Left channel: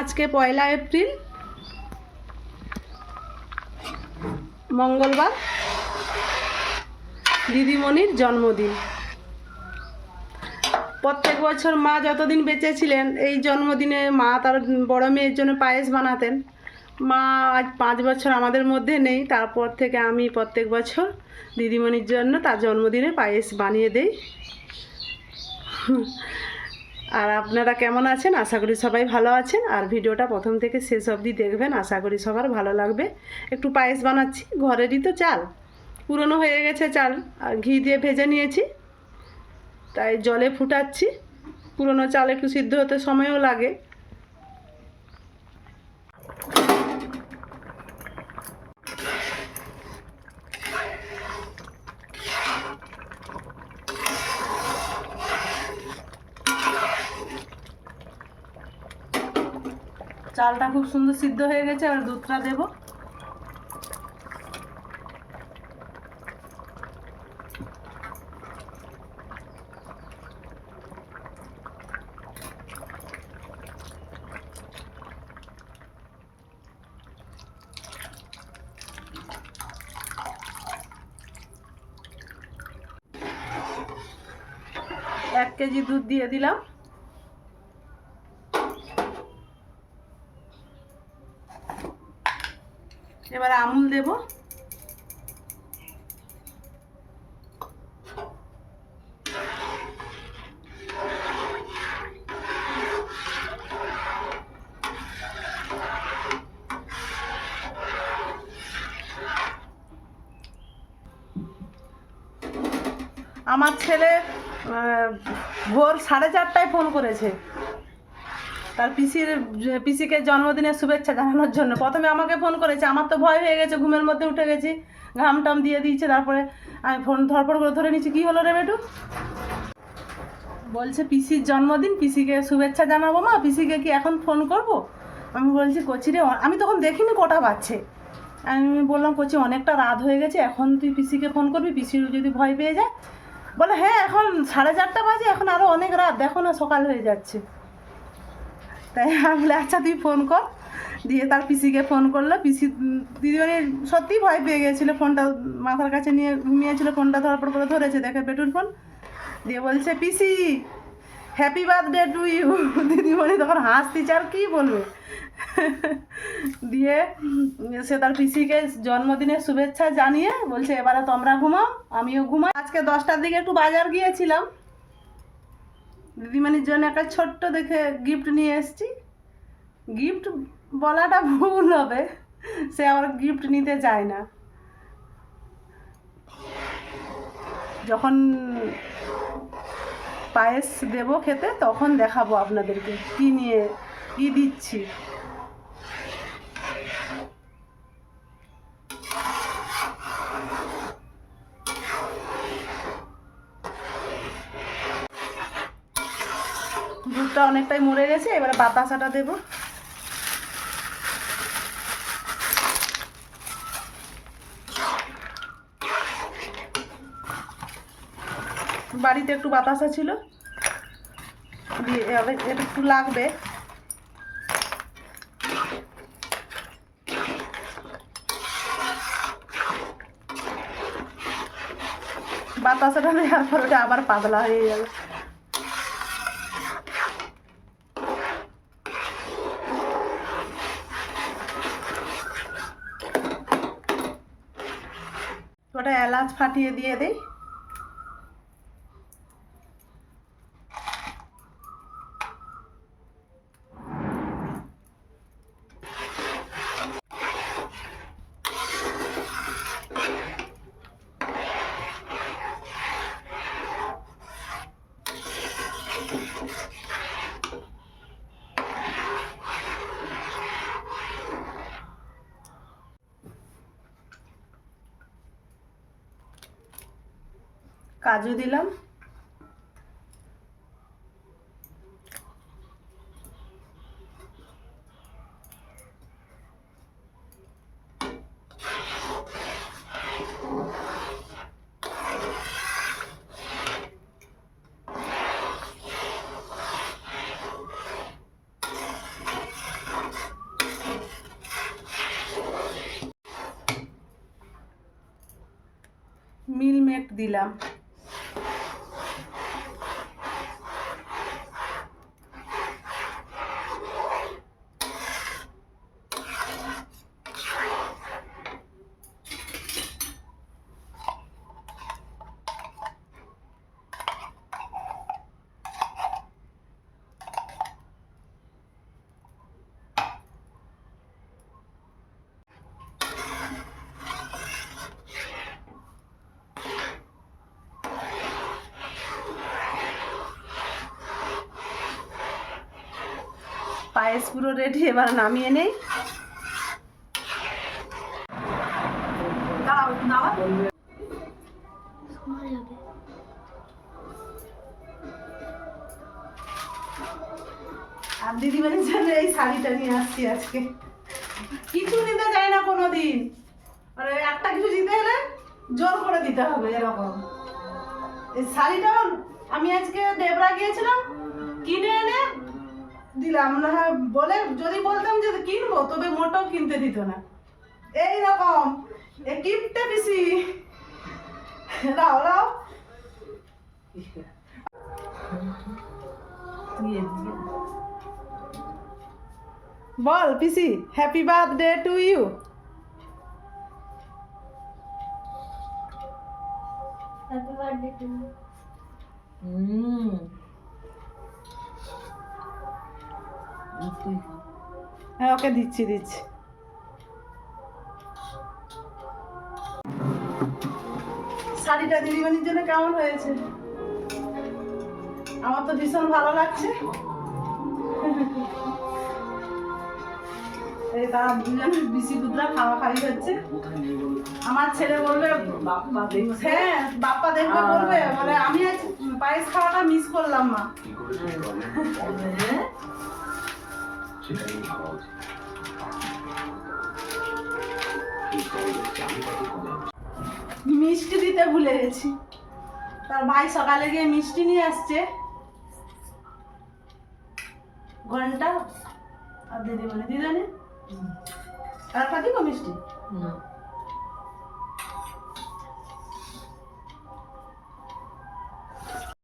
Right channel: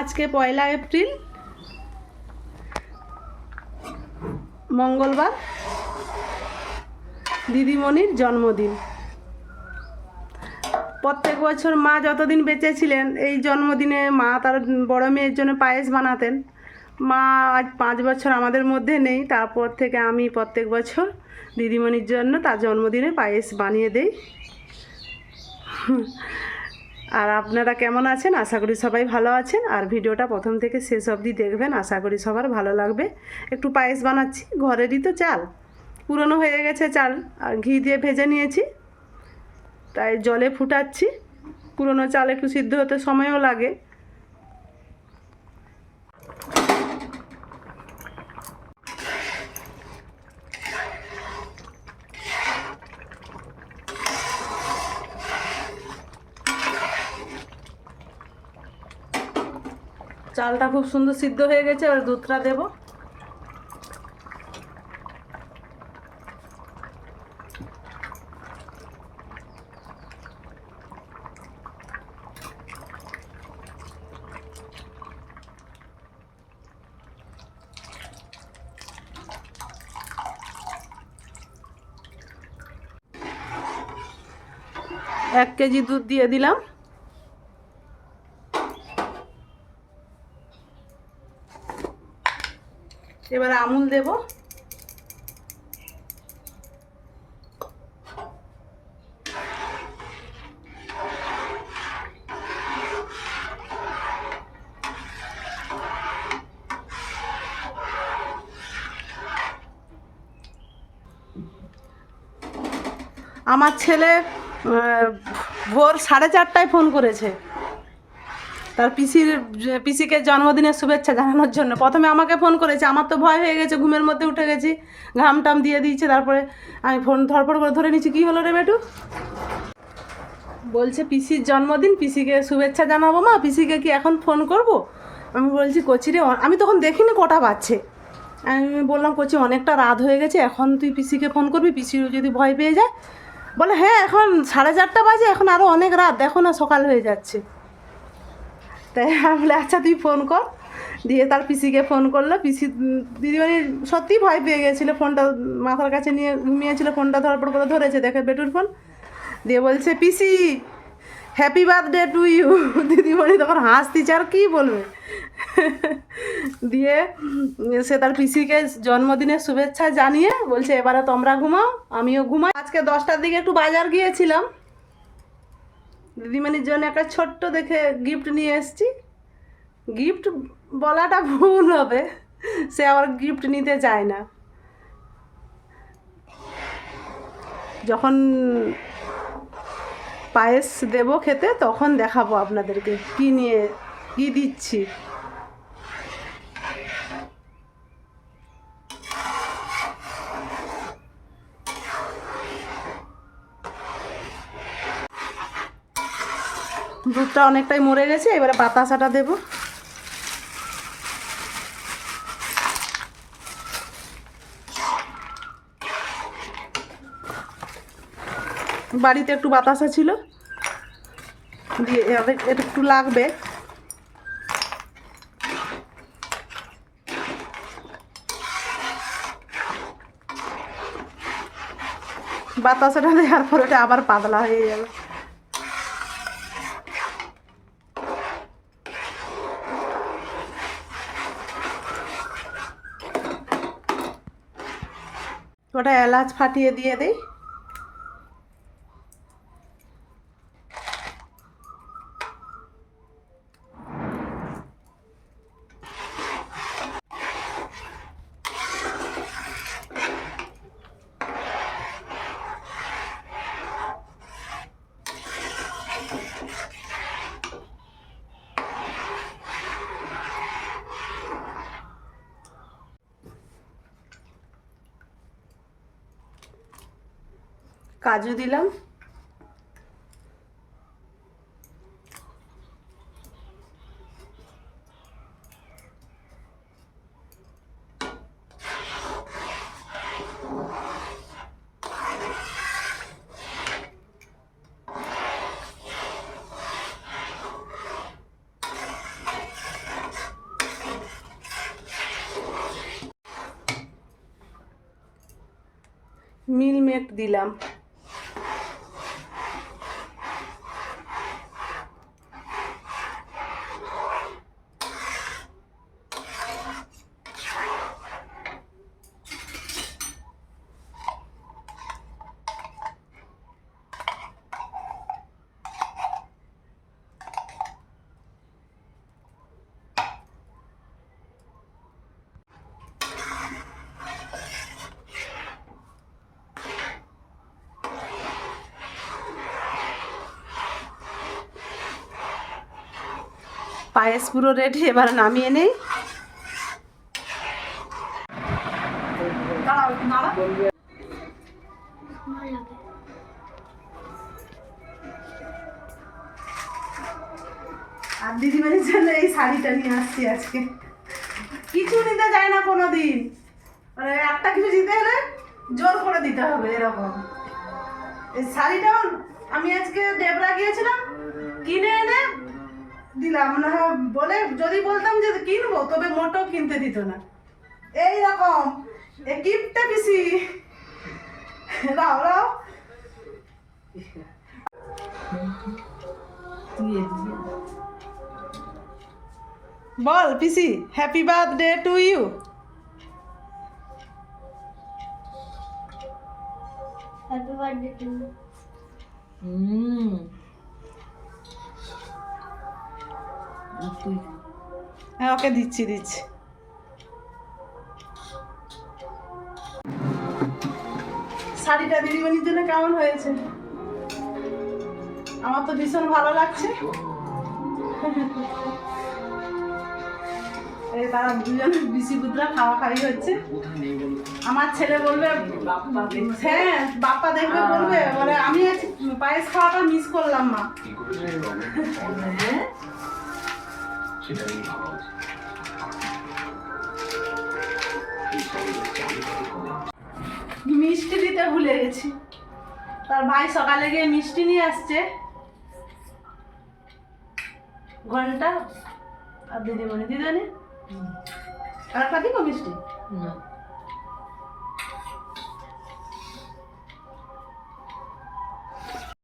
আজকে 1 এপ্রিল মঙ্গলবার, দিদিমণির জন্মদিন। প্রত্যেক বছর মা যতদিন বেঁচে ছিলেন এই জন্মদিনে মা তার বড় মেয়ের জন্য পায়েস বানাতেন। মা আজ 5 বছর আমাদের মধ্যে নেই, তারপর থেকে আমি প্রত্যেক বছর দিদিমণির জন্য তার জন্মদিনে পায়েস বানিয়ে দেই। আর আপনারা কেমন আছেন? আশা করি সবাই ভালো আছেন। আর ভিডিওটা প্রথম থেকে শেষ অবধি দেখবেন, আশা করি সবার ভালো লাগবে। একটু পায়েস বানাচ্ছি, ঘরেরই তো চাল, পুরনো হয়ে গেছে চাল, আর ঘি দিয়ে ভেজে নিয়েছি, তাই জলে ফুটাচ্ছি। পুরনো চাল একটু সিদ্ধ হতে সময়ও লাগে। চালটা খুব সুন্দর সিদ্ধ হয়ে গেছে, আর দুধটা দেব। এক কেজি দুধ দিয়ে দিলাম। এবার আমুল দেব। আমার ছেলে ভোর 4:30টায় ফোন করেছে তার পিসিকে জন্মদিনের শুভেচ্ছা জানানোর জন্য। প্রথমে আমাকে ফোন করেছে, আমার তো ভয় হয়ে গেছে, ঘুমের মধ্যে উঠে গেছি, ঘাম টাম দিয়ে দিয়েছে। তারপরে আমি ফোন ধরপড় করে ধরে নিচ্ছি, কী হলো রে বেটু? বলছে পিসির জন্মদিন, পিসিকে শুভেচ্ছা জানাবো। মা, পিসিকে কি এখন ফোন করব? আমি বলছি কচি রে, আমি তখন দেখিনি কটা বাজছে। আমি বললাম কচি অনেকটা রাত হয়ে গেছে, এখন তুই পিসিকে ফোন করবি, পিসি যদি ভয় পেয়ে যায়? বলে হ্যাঁ, এখন 4:30 বাজে, এখন আরও অনেক রাত, দেখো না সকাল হয়ে যাচ্ছে। তাই আমি বলে আচ্ছা তুই ফোন কর। দিয়ে তার পিসিকে ফোন করলো। পিসি দিদিমণি সত্যিই ভয় পেয়ে গেছিলো, ফোনটা মাথার কাছে নিয়ে ঘুমিয়েছিল, ফোনটা ধরপড় করে ধরেছে, দেখে বেটুর ফোন। দিয়ে বলছে পিসি হ্যাপি বার্থডে টু ইউ। দিদিমণি তখন হাসতিছে, আর কী বলবে। দিয়ে সে তার পিসিকে জন্মদিনের শুভেচ্ছা জানিয়ে বলছে এবারে তোমরা ঘুমাও, আমিও ঘুমাই। আজকে 10টার দিকে একটু বাজার গিয়েছিলাম, দিদিমণির জন্য একটা ছোট্ট দেখে গিফট নিয়ে এসেছি। গিফট বলাটা ভুল হবে, সে আবার গিফট নিতে চায় না। যখন পায়েস দেব খেতে তখন দেখাবো আপনাদেরকে কি দিচ্ছি। দুধটা অনেকটাই মরে গেছে, এবারে বাতাসাটা দেব। বাড়িতে একটু বাতাসা ছিল, দিয়ে এটা একটু লাগবে। বাতাসাটা দেওয়ার পর ওটা আবার পাতলা হয়ে যাবে। ওটা এলাচ ফাটিয়ে দিয়ে দেই। কাজু দিলাম, মিলমেক দিলাম। পায়েস পুরো রেডি, এবার নামিয়ে নেই। আর দিদিমণির জন্য এই শাড়িটা নিয়ে আসছি আজকে। কিছু নিতে যায় না কোনোদিন, মানে একটা কিছু দিতে হলে জোর করে দিতে হবে এরকম। এই শাড়িটা আমি আজকে দেবরা গিয়েছিলাম, কিনে এনে দিলাম না, বলে যদি বলতাম যে কিনবো তবে মোটেও কিনতে দিত না। এইরকম কিপটে পিসি। রাও রাও বল পিসি, happy birthday to you. Happy birthday to you. হ্যাঁ ওকে দিচ্ছি দিচ্ছি। শাড়িটা দিদিমণির জন্য কেমন হয়েছে? আমার তো ভীষণ ভালো লাগছে। এই তারা দুজন বিসি পুত্রা খাওয়া খাওয়ি হচ্ছে। আমার ছেলে বলবে হ্যাঁ বাপ্পা দেখবে বলবে, মানে আমি আজ পায়েস খাওয়াটা মিস করলাম মা। মিষ্টি দিতে ভুলে গেছি, তার ভাই সকালে গিয়ে মিষ্টি নিয়ে আসছে। ঘন্টা আর দিদিমণি আর একটা দিব মিষ্টি।